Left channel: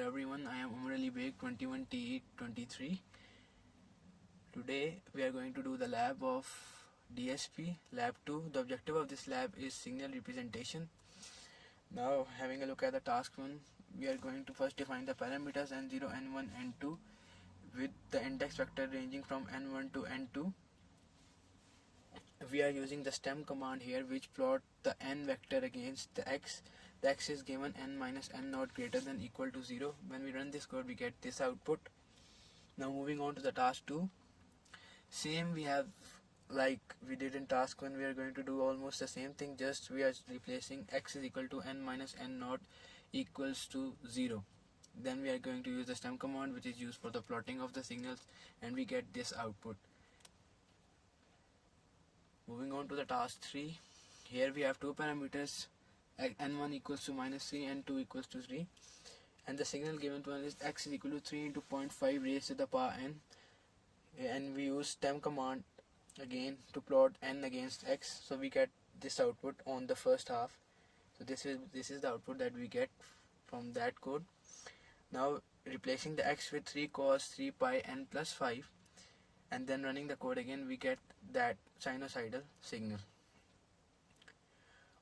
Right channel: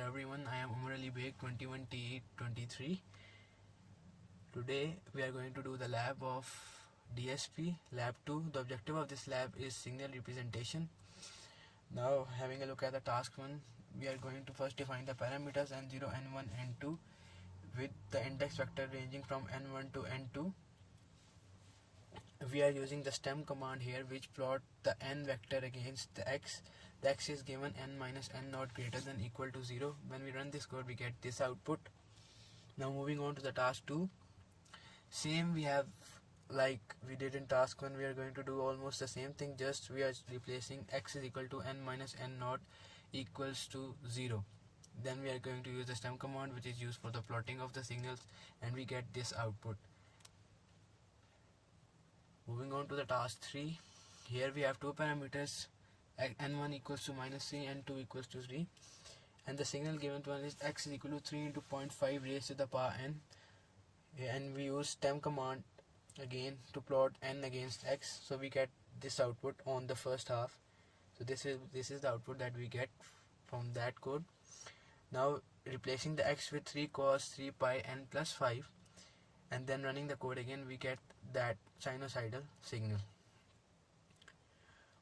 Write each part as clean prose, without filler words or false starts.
Hello everyone, I am Umar Ali Beg 21TE23. Today we are going to do the lab of DSP Lab 2. The objective of this lab is signal representation. Now having a look at the task 1, we are going to first define the parameters n0, n1, n2 with the index vector ranging from n1 to n2. We are using the stem command here, which plot the n vector against the x. The x is given n minus n naught greater than equal to 0. When we run this code, we get this output. Now moving on to the task 2. Same we have like we did in task 1, we are going to do almost the same thing, just we are replacing x is equal to n minus n naught equals to 0. Then we are going to use the stem command, which is used for the plotting of the signals, and we get this output. Moving on to the task 3, here we have two parameters, n1 equals to minus 3, n2 equals to 3, and the signal given to us is x is equal to 3 into 0.5 raised to the power n, and we use stem command again to plot n against x, so we get this output on the first half. So this is the output that we get from that code. Now replacing the x with 3 cos 3 pi n plus 5, and then running the code again, we get that sinusoidal signal.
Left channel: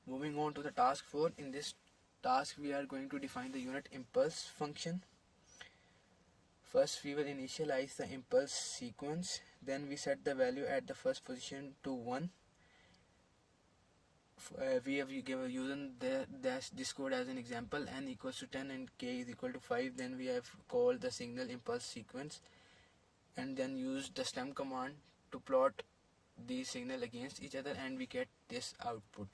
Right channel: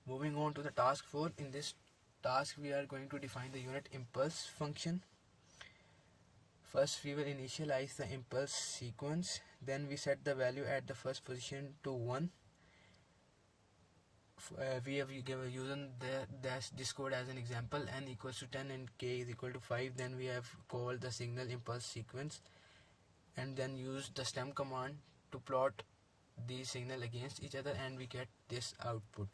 Moving on to the task 4. In this task we are going to define the unit impulse function. First we will initialize the impulse sequence, then we set the value at the first position to 1. We have given using this code as an example, n equals to 10 and k is equal to 5. Then we have called the signal impulse sequence and then used the stem command to plot these signal against each other, and we get this output.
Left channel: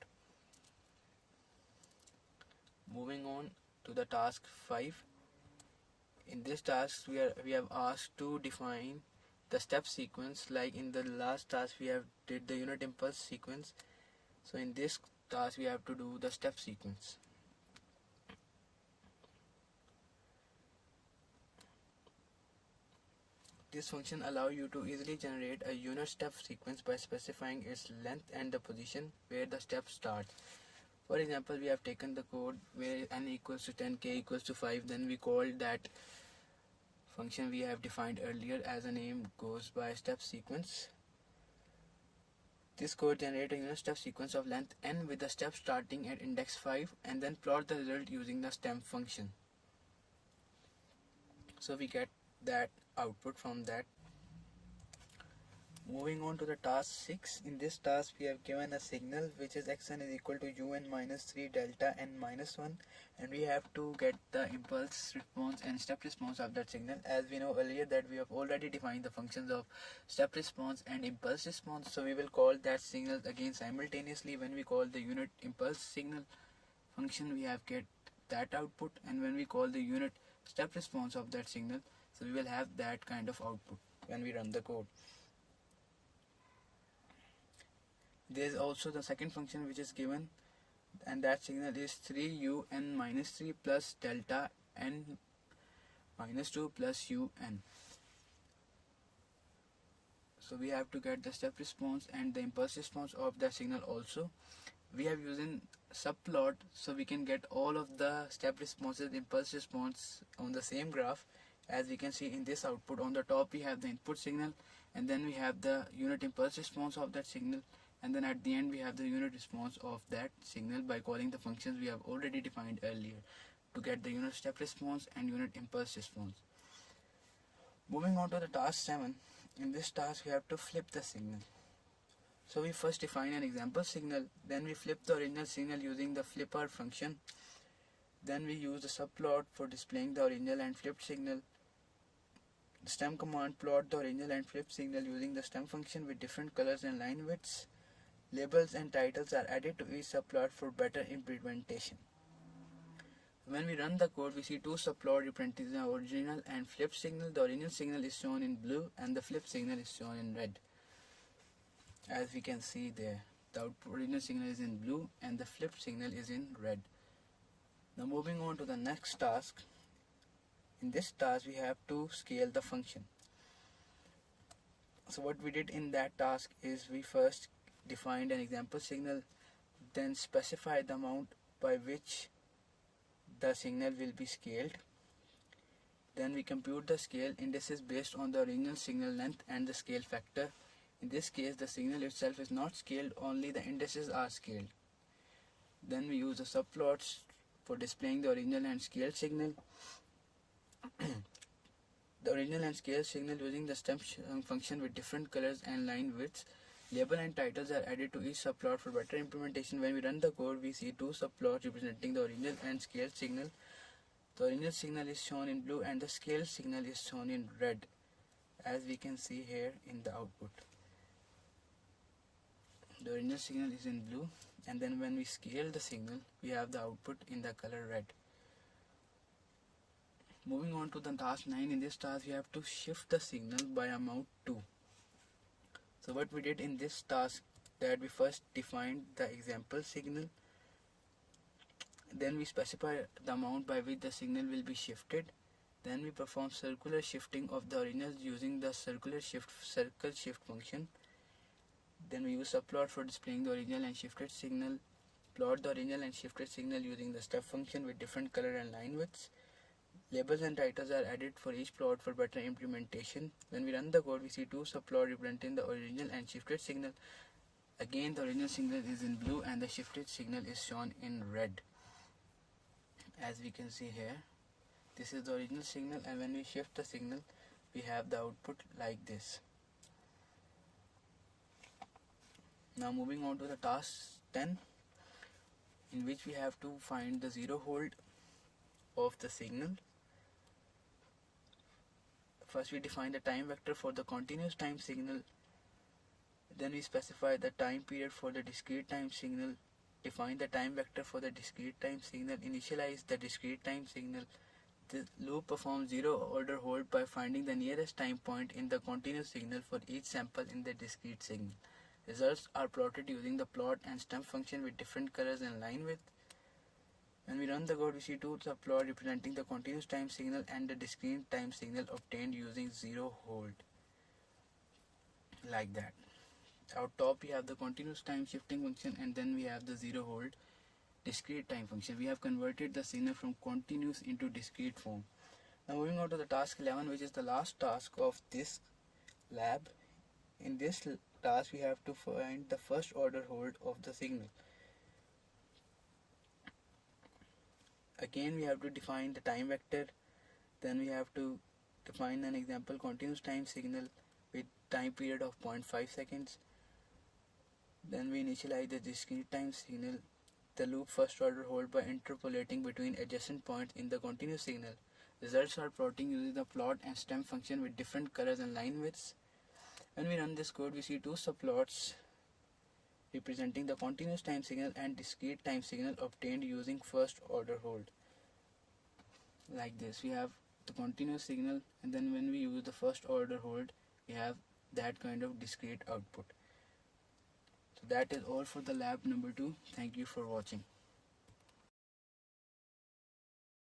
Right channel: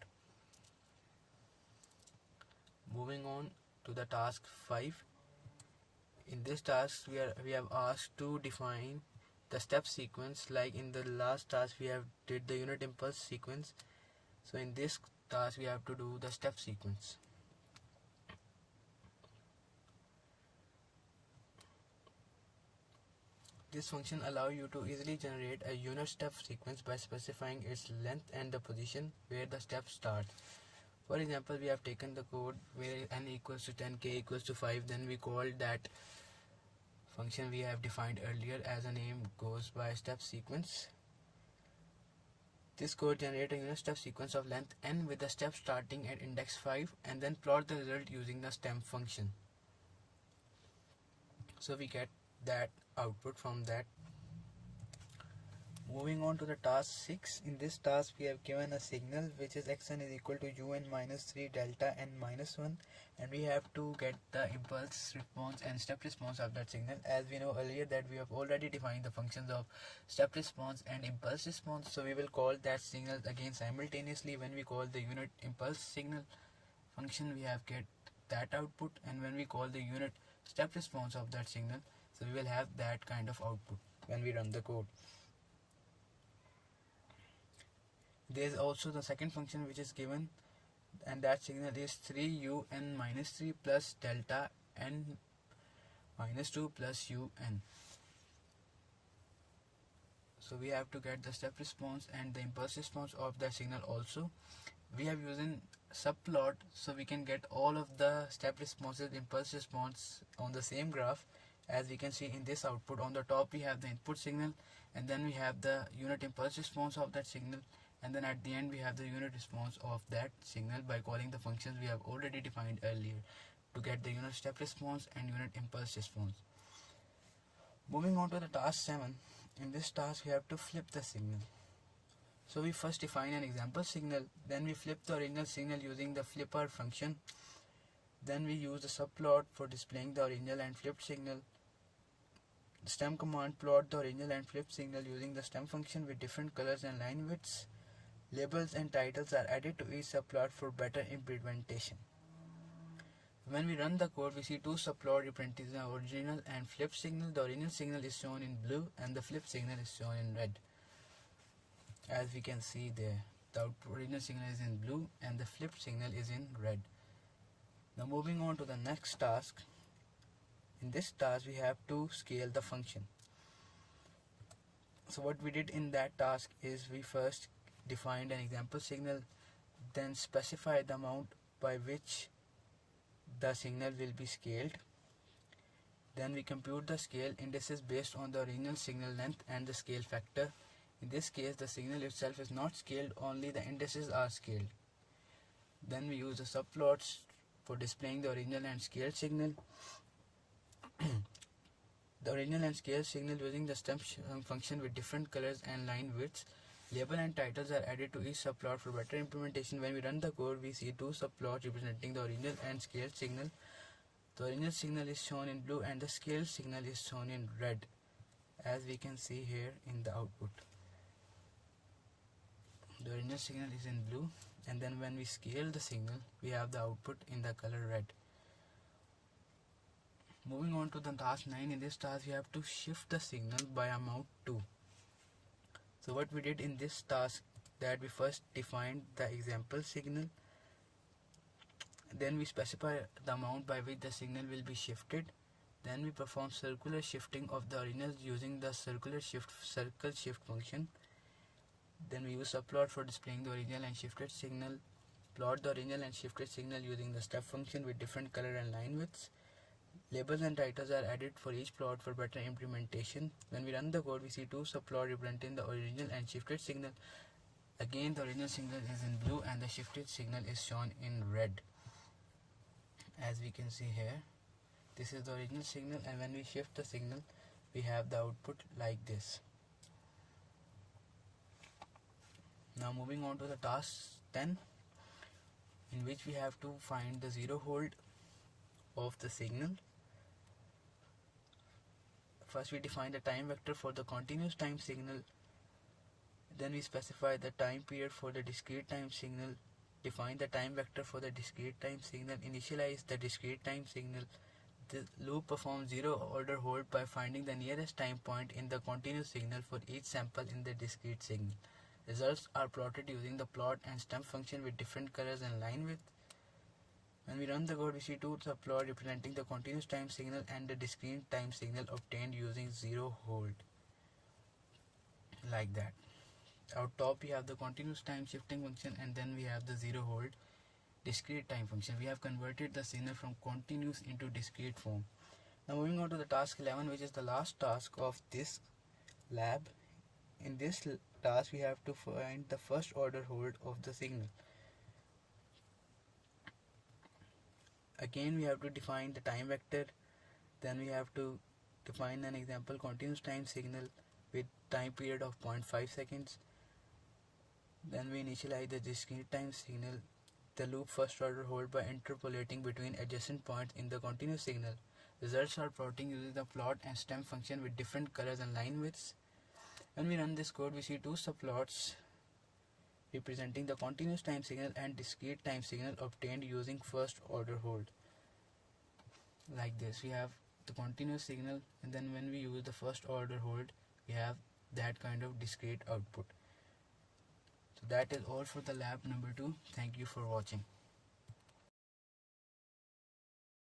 Moving on to the task 5. In this task we have asked to define the step sequence, like in the last task we have did the unit impulse sequence. So in this task we have to do the step sequence. This function allows you to easily generate a unit step sequence by specifying its length and the position where the step starts. For example, we have taken the code where n equals to 10, k equals to 5, then we called that function we have defined earlier as a name goes by step sequence. This code generates a unit step sequence of length n with the step starting at index 5 and then plot the result using the stem function. So we get that output from that. Moving on to the task 6. In this task we have given a signal which is xn is equal to un minus 3 delta n minus 1, and we have to get the impulse response and step response of that signal. As we know earlier that we have already defined the functions of step response and impulse response, so we will call that signal again simultaneously. When we call the unit impulse signal function, we have get that output, and when we call the unit step response of that signal, so we will have that kind of output when we run the code. There is also the second function which is given, and that signal is 3un minus 3 plus delta n minus 2 plus un. So we have to get the step response and the impulse response of that signal also. We have using subplot, so we can get all of the step responses, impulse response on the same graph. As we can see in this output, on the top we have the input signal, and then we have the unit impulse response of that signal, and then at the end we have the unit response of that signal by calling the functions we have already defined earlier to get the unit step response and unit impulse response. Moving on to the task 7. In this task we have to flip the signal. So we first define an example signal, then we flip the original signal using the flipper function. Then we use the subplot for displaying the original and flipped signal. The stem command plot the original and flipped signal using the stem function with different colors and line widths. Labels and titles are added to each subplot for better implementation. When we run the code, we see two subplots representing the original and flipped signal. The original signal is shown in blue and the flipped signal is shown in red. As we can see there, the original signal is in blue and the flipped signal is in red. Now moving on to the next task. In this task we have to scale the function. So what we did in that task is we first defined an example signal, then specified the amount by which the signal will be scaled, Then we compute the scale indices based on the original signal length and the scale factor. In this case, the signal itself is not scaled, only the indices are scaled. Then we use the subplots for displaying the original and scaled signal. The original and scaled signal using the step function with different colors and line widths. Label and titles are added to each subplot for better implementation. When we run the code, we see two subplots representing the original and scaled signal. The original signal is shown in blue and the scaled signal is shown in red, as we can see here in the output. The original signal is in blue, and then when we scale the signal, we have the output in the color red. Moving on to the task 9, in this task we have to shift the signal by amount 2. So what we did in this task, that we first defined the example signal, then we specify the amount by which the signal will be shifted, then we perform circular shifting of the original using the circle shift function. Then we use subplot for displaying the original and shifted signal, plot the original and shifted signal using the step function with different color and line widths. Labels and titles are added for each plot for better implementation. When we run the code, we see two subplots representing the original and shifted signal. Again, the original signal is in blue and the shifted signal is shown in red. As we can see here, this is the original signal, and when we shift the signal, we have the output like this. Now moving on to the task 10, in which we have to find the zero hold of the signal. First we define the time vector for the continuous time signal, then we specify the time period for the discrete time signal, define the time vector for the discrete time signal, initialize the discrete time signal. The loop performs zero order hold by finding the nearest time point in the continuous signal for each sample in the discrete signal. Results are plotted using the plot and stamp function with different colors and line width. When we run the code, we see two subplots representing the continuous time signal and the discrete time signal obtained using zero hold, like that. Out top we have the continuous time shifting function, and then we have the zero hold discrete time function. We have converted the signal from continuous into discrete form. Now moving on to the task 11, which is the last task of this lab. In this task we have to find the first order hold of the signal. Again we have to define the time vector, then we have to define an example continuous time signal with time period of 0.5 seconds. Then we initialize the discrete time signal, the loop first order hold by interpolating between adjacent points in the continuous signal. Results are plotting using the plot and stamp function with different colors and line widths. When we run this code, we see two subplots representing the continuous time signal and discrete time signal obtained using first order hold. Like this, we have the continuous signal, and then when we use the first order hold, we have that kind of discrete output. So that is all for the lab number 2. Thank you for watching.